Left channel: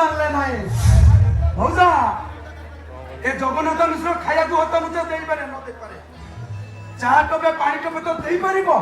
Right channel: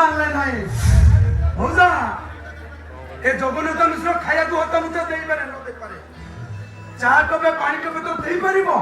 ଆଣିଲେ ନାହିଁ ମଉସା ଏ ଜଗନ୍ନାଥ ମିଶ୍ର ଖାଇବାକୁ ହତା ମୁତା ଦେଇପାରେ ନ ଦେଇପାରେ ଚାହା ଟୋପେ ପାଣି ଟୋପେ ତ ଦେଇପାରିବ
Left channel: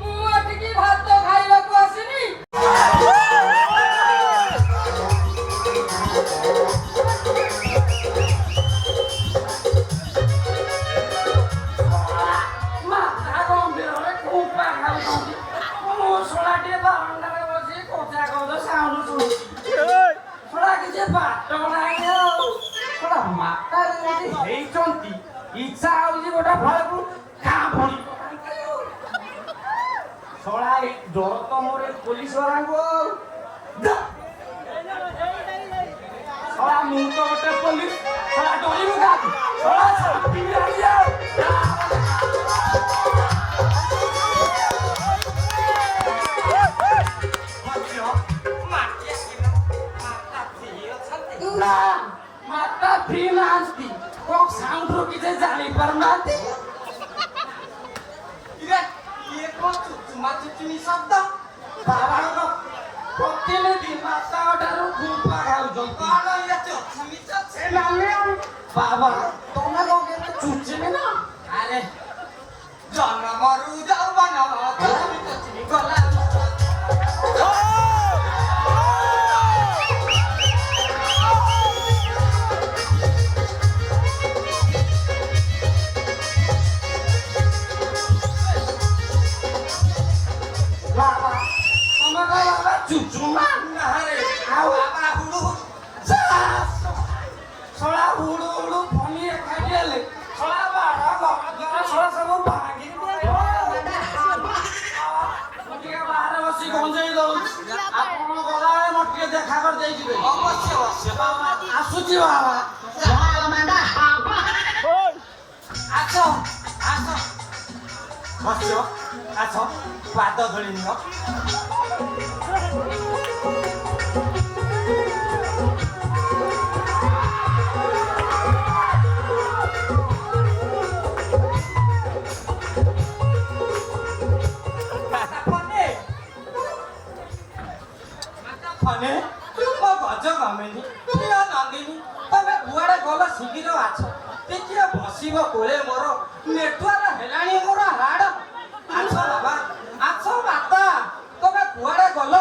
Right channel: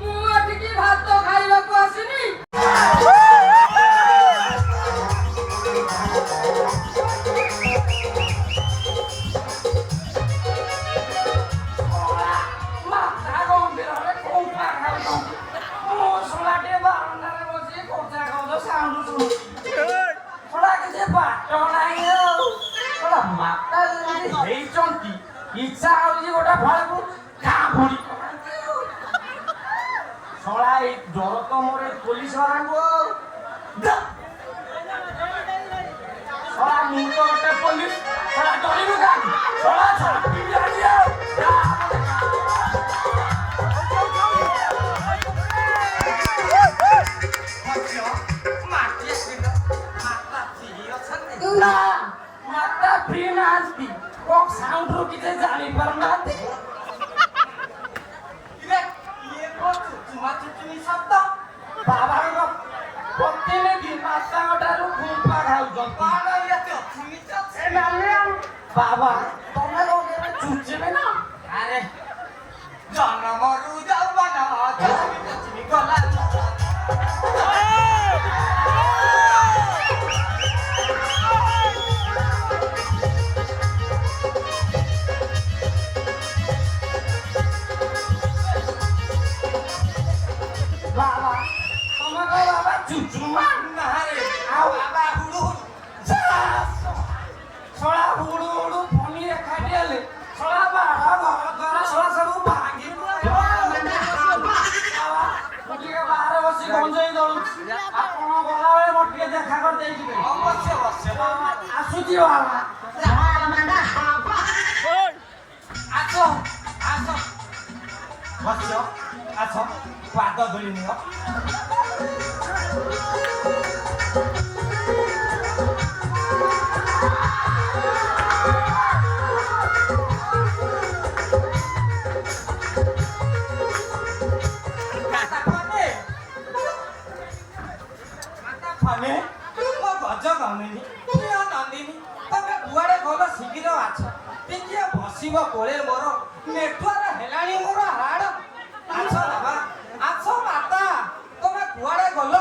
ମୁଁ ଏଠିକି ଭାତ ଖାଇବାକୁ ଆସିନି ଇଚ୍ଛା ହଉଛି ଗୋଟେ ଫଳକୁ ଗାଁ ଭଳି ଶଳା ଏଇ ଡର ତ ମୋର ପୋଲିସ ବାଲାଙ୍କୁ ଶଳା ମୁଁ ତ ଗୋଟେ ପୋଲିସ ଶଳା ଡରିବ କାହାକୁ ଶଳା ଛାପିବି ଆଣିଆ ନା ମାତା ଫ୍ରି ନାହାନ୍ତି କକ୍ ସାଉଣ୍ଡ ରୁ କିଛି ଜାଣି ପାରୁନାହାନ୍ତି ଇଏ କଣ ଚୁଚୁମା ଚୁଚୁମି ଶବ୍ଦ ବାବାଙ୍କ ପ୍ରତିନିଧି ମାତାଙ୍କ ଠାରୁ ଗୁମ୍ଫା ଖାଉଛନ୍ତି ବାବା ତମେ କଣ ଚୁଚୁମି ନା ଆରେ ଜନମରୁ ଯାଉ ମନ ଚୁଚୁମି ଗଲା চুচুমা নাহারে আও আবা হুড়ু ছড়া হুড়ু হুড়ু ফনিয়ে খাইলে ছড়া বাড়া বাবা ছড়া সব ভাঙি মুটিকে বাহারে বসি গঞ্জেই দଉଛି ଆପଣ ଗଲାବେଳେ ମୋର ଟିକେ ଦେଖା କରି ଦେଇଯିବେ ଅବଶ୍ୟ ଅବଶ୍ୟ ଆସୁଛି ବାବା ଆସ ଆସ ବସିବ ଆସ ପାଦ ଧରି ନିଅ ବସିବ କୋଳେ ମୋର ନେଟୱାର୍କ ହେଲାଣି ମୋର ହାଡ଼ ଆସ ବାବା ଆସ ମାତା ତମେ କୁଆଡେ ଗଲ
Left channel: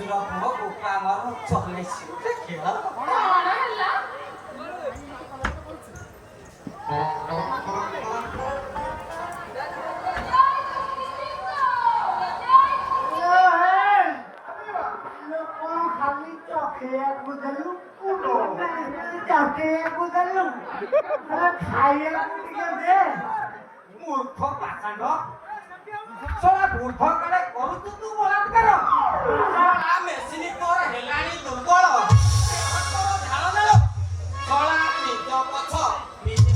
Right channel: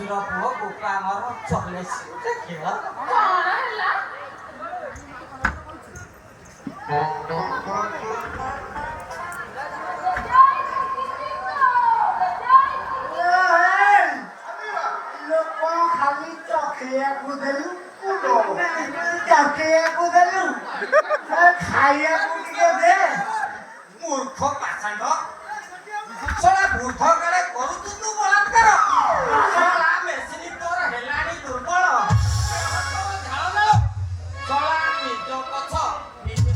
ଅସୁର ପୁଅ ଗୋପା ଆମର ଚଲେଇଛି ଗୋଟେ ଖେଳ। ଲୋକ ଖାଲି ଚଖେଇବାକୁ ଦେଲୁ ଚଖେଇବାକୁ ଦେଲୁ ଖାଇବାକୁ ଟିକେ ଦେ। ମୂର୍ଖ ପାଷାଣ୍ଡ ଶଳା ବୃଦ୍ଧ କାଳେ କରୁଛୁ ତୁ ବଳାତ୍କାର। ଶଳା ମେସିନ ତୋର ହେଲାଣି ଦୁର୍ବଳ। ଶଳା ନିଜ ପଛ ନିଜେ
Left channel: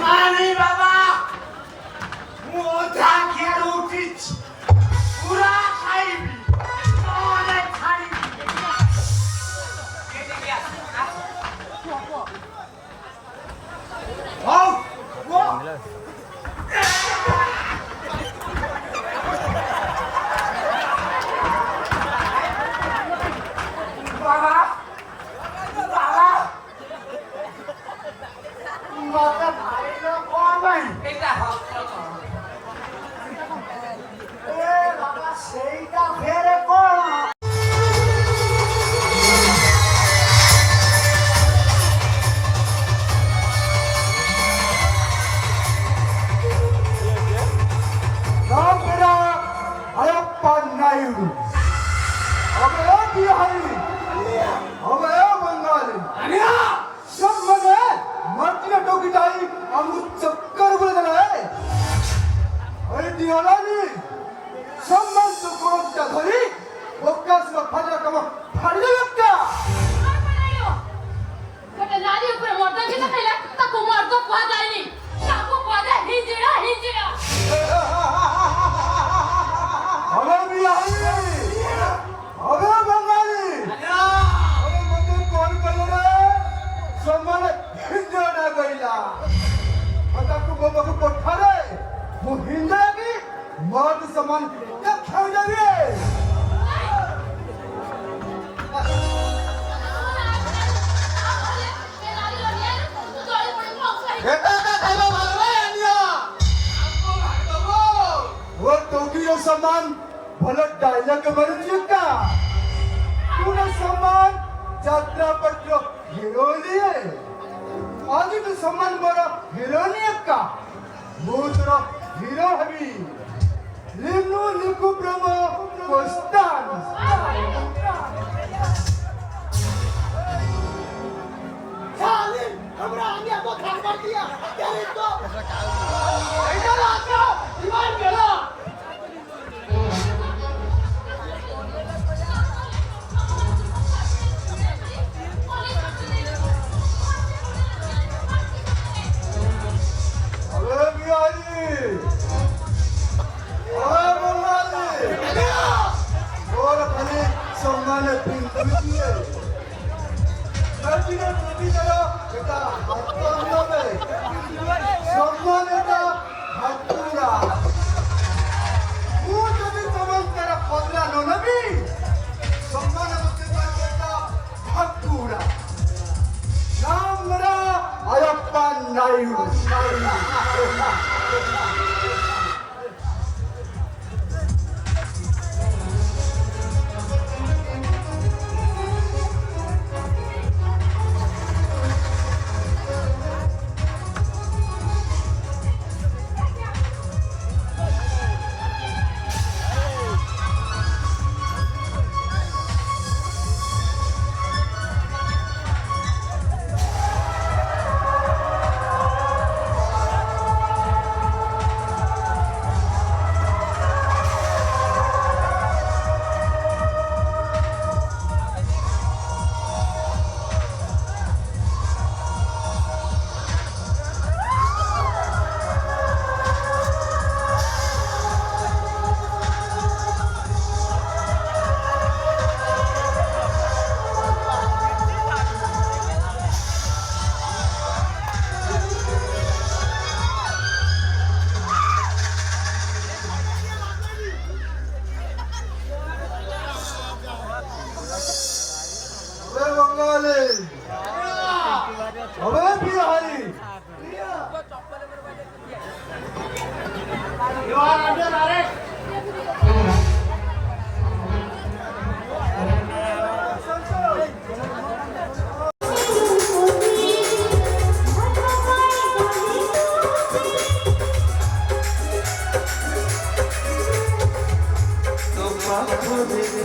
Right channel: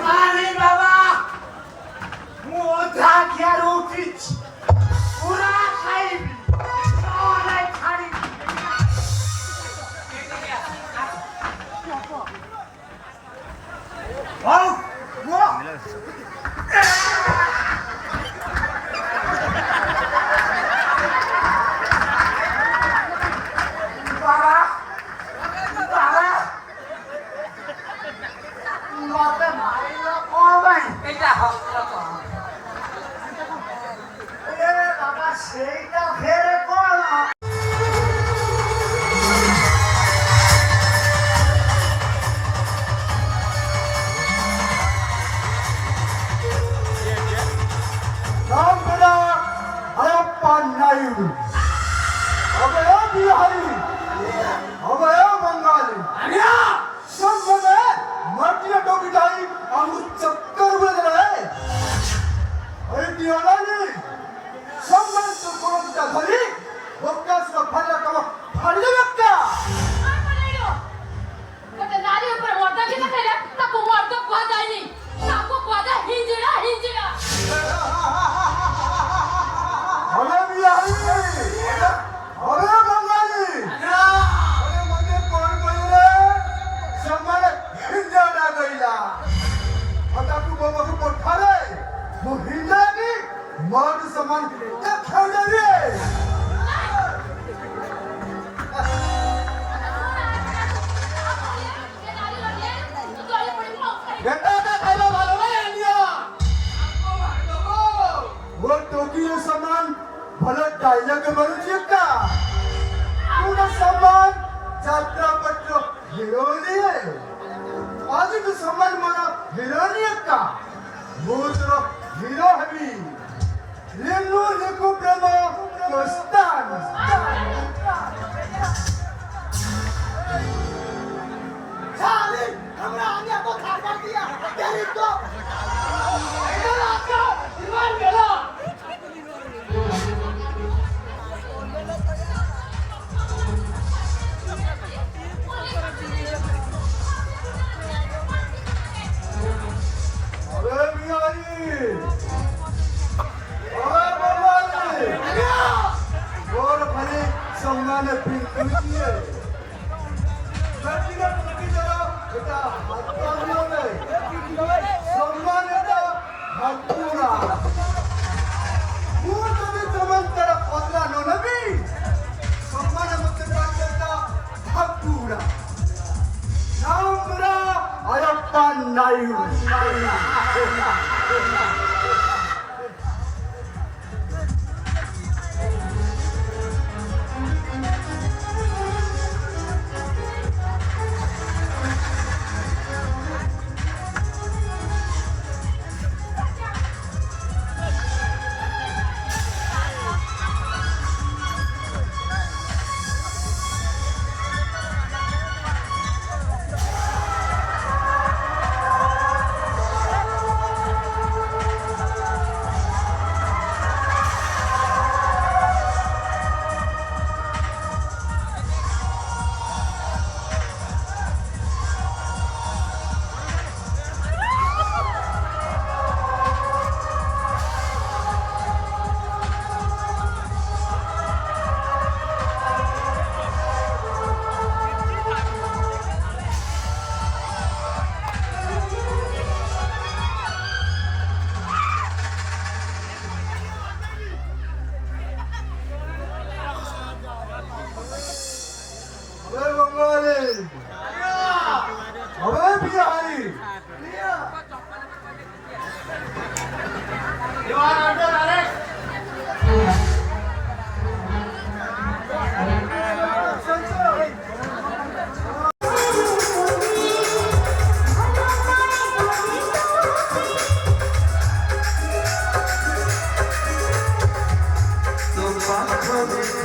ନାନୀ ବାବା ମୁଁ ଅଧା ଖିଆରୁ ଉଠିଛି ପୁରା ଖାଇବି ନହେଲେ ଛାଡ଼ିବି। ହଉ ବାବା ବାବା ମତେ ମାରିଲ କଣ ପାଇଁ? ଏଇଟା ହସ୍ତ କର। ଏ ବାବା ସେଇଟା ଫେରେ କଣ? ଗୋଟେ ନାରୀ ଉପରେ ମର୍ଦ୍ଦନ କିଛି ଖାଇଲେ ତାକୁ ମର୍ଦ୍ଦ କୁହାଯାଏନି, ତାକୁ କୁହାଯାଏ ହିଞ୍ଜିଡ଼ା ହିଞ୍ଜିଡ଼ା। मर्द समान क्या खाना रे वो टोकियो सामान भले डायलॉग मारुची का पूरा सामान यात्रा पत्र हीरो लिए आज तो सामान मारा हीरो नहीं का वो तरफ हीरो हमी लिम्नु लिखु ब्रह्म कोस्तान चाली हमरा आगे को खार कर दिया तेरी तो इधर आकर दीवार मेरा अरे मियाजी अरे बंगाली और भली संगाने पिंकी है सच्ची में पिंकी जरा बेटा हत्या में संगाने का हत्या वो जब समझ तेरा पदला नोनबी संगाने मत करने का हत्या नाम मेरा अयप्पा नायू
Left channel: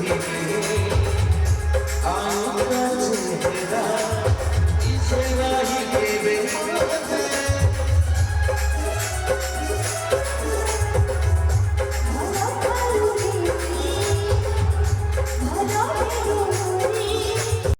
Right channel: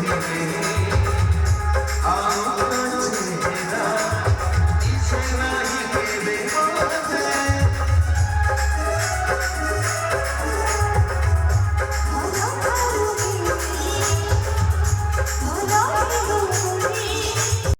रे